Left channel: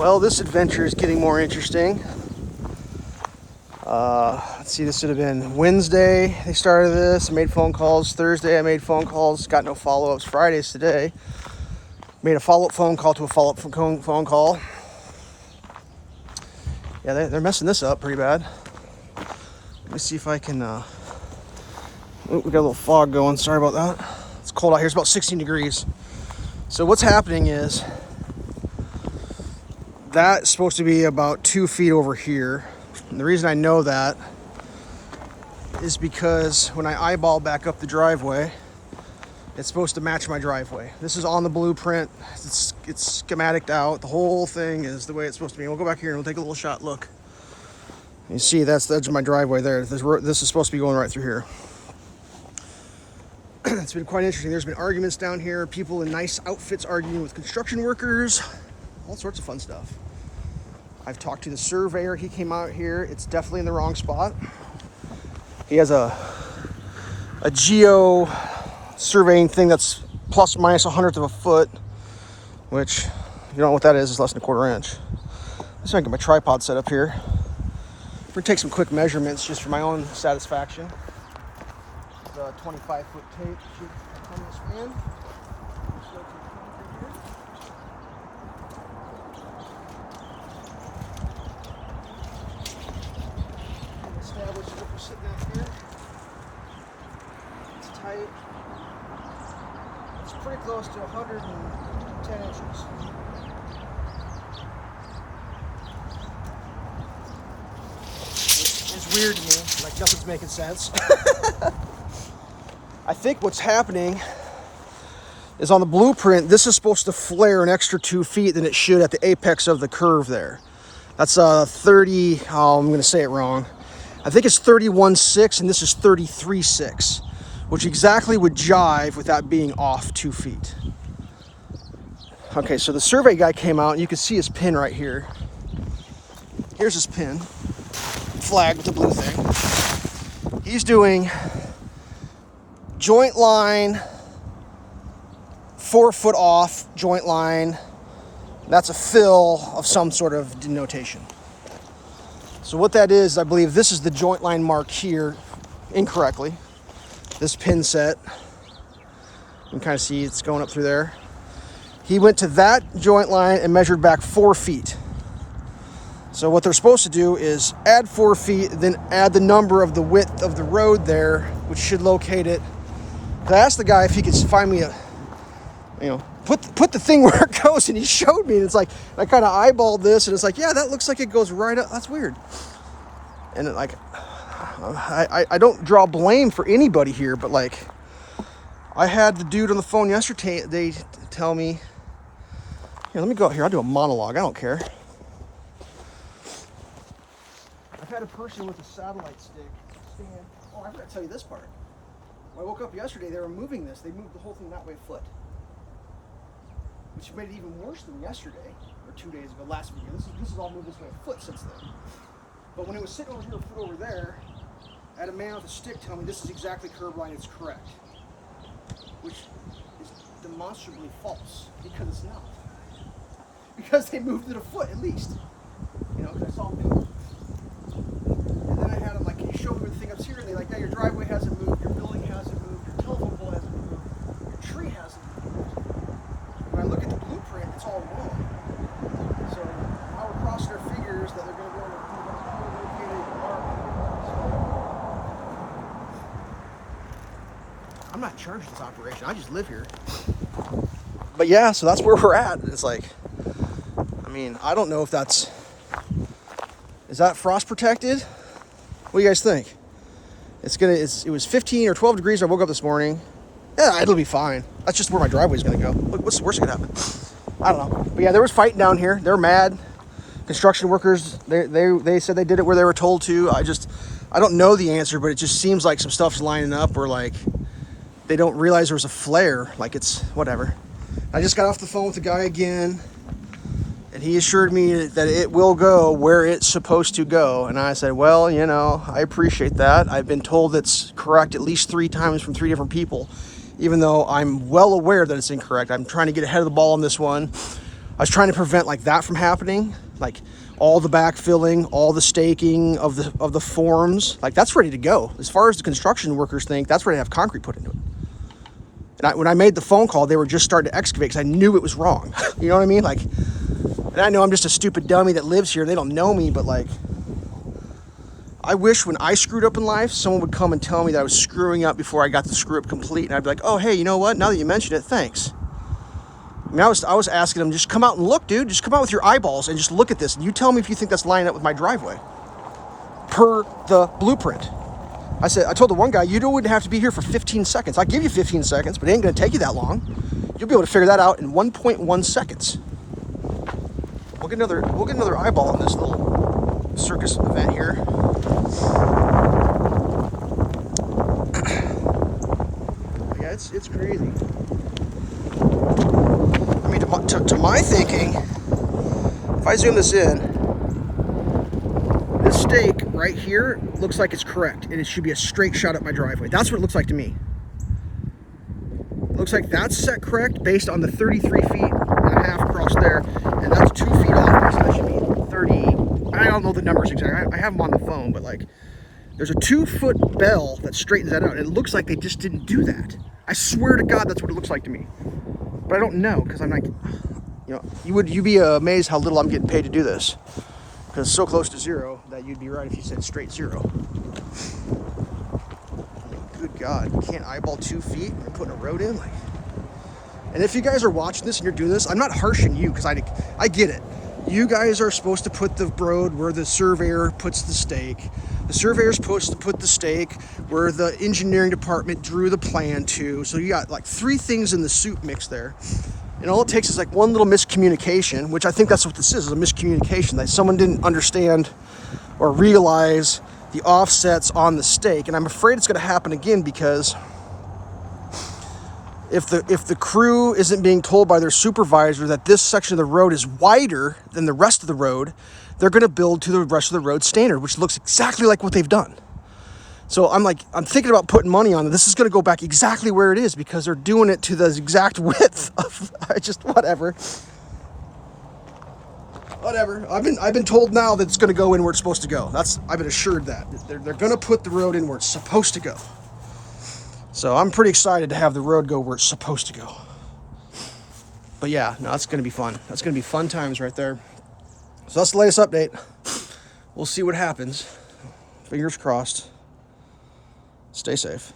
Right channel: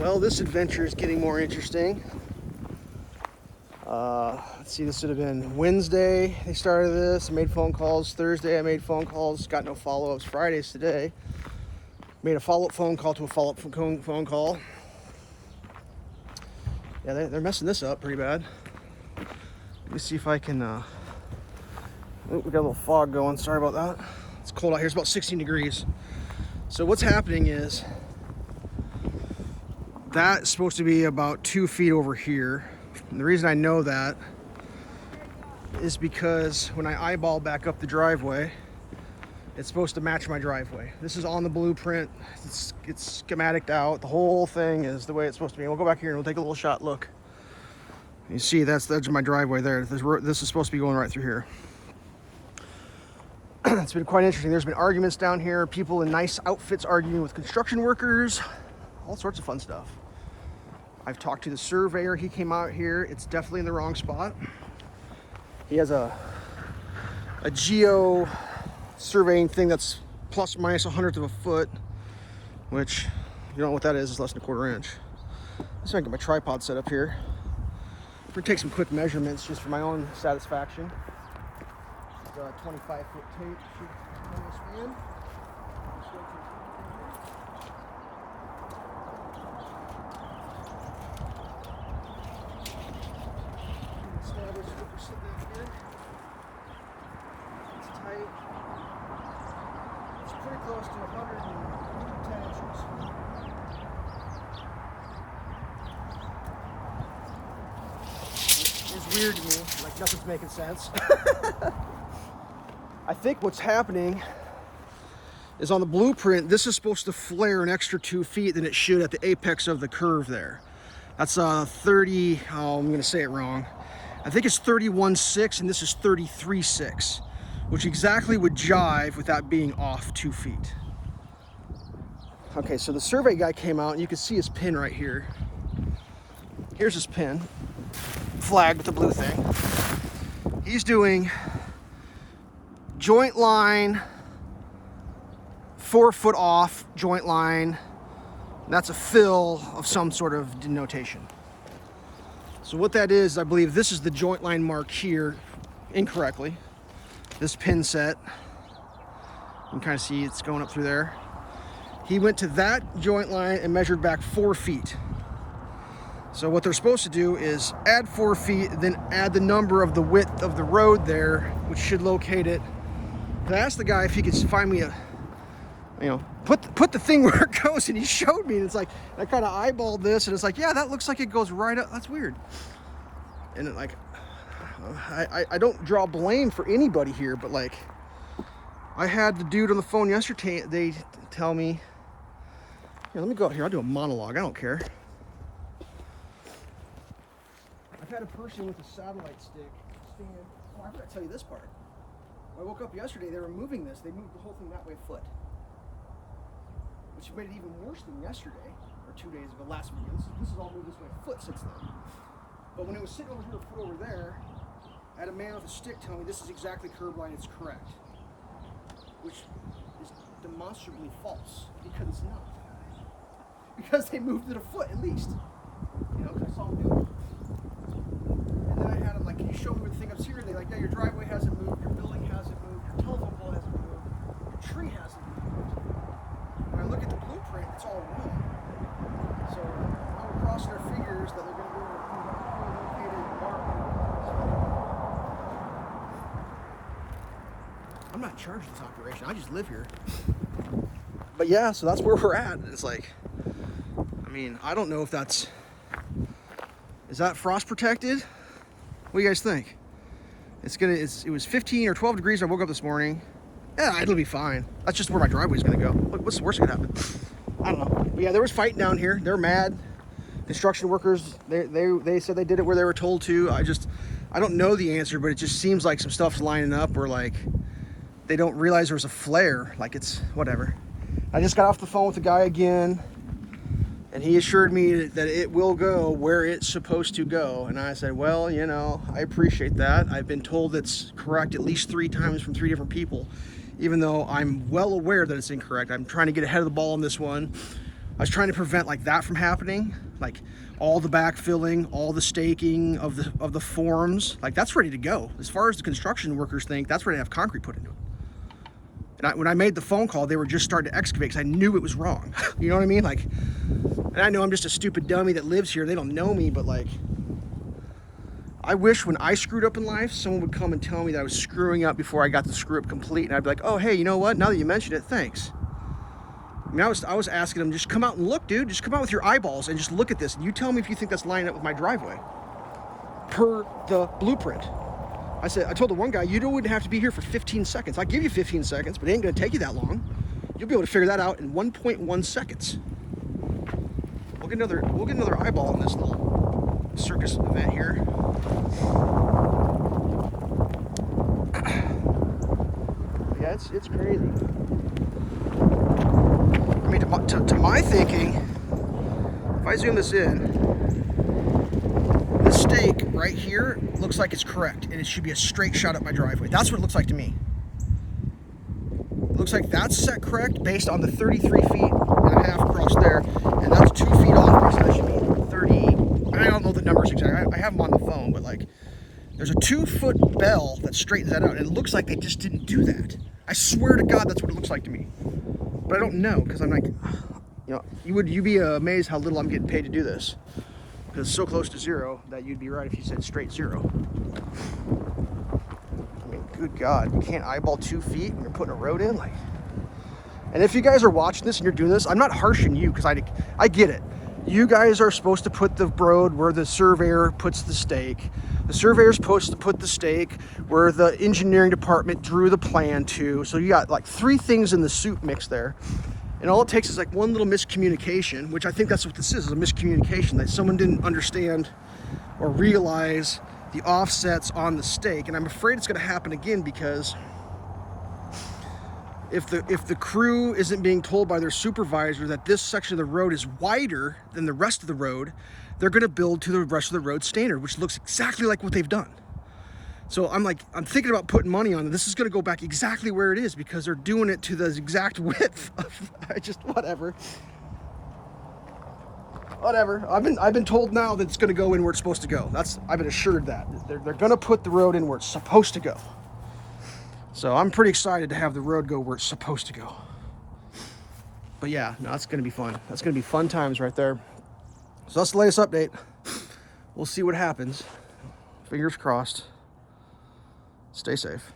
Well, this adventure is getting more interesting. Let's see, this should have been Wednesday. They started this, made phone calls. Thursday, I made phone calls, got no follow-ups. Friday's today. Made a follow-up phone call to a follow-up phone call. Yeah, they're messing this up pretty bad. Let me see if I can, we got a little fog going, sorry about that. It's cold out here, it's about 16 degrees. So what's happening is, that's supposed to be about 2 feet over here. And the reason I know that is because when I eyeball back up the driveway, it's supposed to match my driveway. This is on the blueprint. It's schematiced out. The whole thing is the way it's supposed to be. We'll go back here and we'll take a little shot look. You see, that's the edge of my driveway there. This is supposed to be going right through here. It's been quite interesting. There's been arguments down here. People in nice outfits arguing with construction workers. All sorts of fun stuff. I've talked to the surveyor. He came out here. It's definitely in the wrong spot. He has a geo surveying thing that's plus or minus 1/100 of a foot, which, if you don't know what that is less than 1/4 inch. Let's get my tripod set up here. We're gonna take some quick measurements just for my own satisfaction. It's a 25-foot tape. Shoot on this in. Just go to the concrete here. Establish what we're sitting at here. It's tight. It's pretty close to 110 inches. It's weird to me, like nothing's making sense. I think what's happening is on the blueprint, this is supposed to flare an extra 2 feet than it should at the apex of the curve there. That's 30, oh, I'm gonna say it wrong. I think it's 31.6 and this is 33.6, which exactly would jive with that being off 2 feet. Okay, so the survey guy came out and you can see his pin right here. Here's his pin, flagged with the blue thing. He's doing joint line, 4 foot off joint line. That's a fill of some sort of denotation. So what that is, I believe this is the joint line marked here incorrectly. This pin set, you can kind of see it's going up through there. He went to that joint line and measured back 4 feet. So what they're supposed to do is add 4 feet, then add the number of the width of the road there, which should locate it. I asked the guy if he could find me a, put the thing where it goes, and he showed me, and it's like, I kind of eyeballed this, and it's like, yeah, that looks like it goes right up. That's weird. And it, like, I don't draw blame for anybody here, but like, I had the dude on the phone yesterday, they tell me, here, let me go out here, I'll do a monologue, I don't care. I've had a person with a satellite stick stand, oh, I forgot to tell you this part. When I woke up yesterday, they were moving this, they moved the whole thing that way a foot. Which made it even worse than yesterday, or 2 days ago, last video. This is all moved this way a foot since then. But when it was sitting over here, a foot over there, I had a man with a stick tell me this is exactly curb line, it's correct. Which is demonstrably false, because it's not. Because they moved it a foot at least. You know, because I saw them do it. And then I had them like, can you show me where the thing up's here? And they're like, yeah, your driveway hasn't moved, your building hasn't moved, your telephone pole hasn't moved, your tree hasn't moved. When I look at the blueprint, it's all wrong. So now we're crossing our fingers that they're going to be able to do that located mark and get those. I'm not in charge of this operation. I just live here. But yeah, so that's where we're at. It's like, I mean, I don't know if that's, is that frost protected? What do you guys think? It was 15 or 12 degrees when I woke up this morning. Yeah, it'll be fine. That's just where my driveway's gonna go. Look, what's the worst that could happen? I don't know. But yeah, there was fighting down here. They're mad. Construction workers, they said they did it where they were told to. I don't know the answer, but it just seems like some stuff's lining up where like they don't realize there was a flare. Like it's whatever. I just got off the phone with the guy again, and he assured me that it will go where it's supposed to go. And I said, well, you know, I appreciate that. I've been told it's correct at least 3 times from 3 different people. Even though I'm well aware that it's incorrect. I'm trying to get ahead of the ball on this one. I was trying to prevent like that from happening, like all the backfilling, all the staking of the forms, like that's ready to go. As far as the construction workers think, that's ready to have concrete put into it. And when I made the phone call, they were just starting to excavate because I knew it was wrong. You know what I mean? Like, and I know I'm just a stupid dummy that lives here. They don't know me, but like, I wish when I screwed up in life, someone would come and tell me that I was screwing up before I got the screw up complete. And I'd be like, oh, hey, you know what? Now that you mentioned it, thanks. I mean, I was asking them, just come out and look, dude. Just come out with your eyeballs and just look at this. And you tell me if you think that's lining up with my driveway per the blueprint. I told the one guy, you wouldn't have to be here for 15 seconds. I'll give you 15 seconds, but it ain't gonna take you that long. You'll be able to figure that out in 1.1 seconds. We'll get another eyeball on this little circus event here. Yeah, it's crazy. I mean, to my thinking, if I zoom this in, this stake right here looks like it's correct, and it should be a straight shot at my driveway. That's what it looks like to me. It looks like that's set correct based on the 33 feet and a half across there, and that's 2 feet off, so that should be 30. I don't know the numbers exactly. I have them on the phone, but like, there's a 2-foot bell that straightens that out, and it looks like they just didn't do that. I swear to God, that's what it looks like to me. But I don't know, because I'm like, you know, you'd be amazed how little I'm getting paid to do this. Because it's so close to zero that you'd be right if you said straight zero. Good God, you can't eyeball 2 feet and you're putting a road in? Like, and if you guys are watching this and you're doing this, I'm not harshing you, because I get it. You guys are supposed to put the road where the surveyor puts the stake. The surveyor's supposed to put the stake where the engineering department drew the plan to. So you got like 3 things in the soup mix there. And all it takes is like one little miscommunication, which I think that's what this is a miscommunication, that someone didn't understand or realize the offsets on the stake. And I'm afraid it's gonna happen again, because if the crew isn't being told by their supervisor that this section of the road is wider than the rest of the road, they're gonna build to the rest of the road standard, which looks exactly like what they've done. So I'm thinking about putting money on it. This is gonna go back exactly where it is, because they're doing it to the exact width of, whatever. Whatever. I've been told now that it's gonna go in where it's supposed to go. I've been assured that. They're gonna put the road in where it's supposed to go. So I'm pretty excited to have the road go where it's supposed to go. But yeah, no, that's gonna be fun. That's gonna be fun times right there. So that's the latest update. We'll see what happens. Fingers crossed. Stay safe.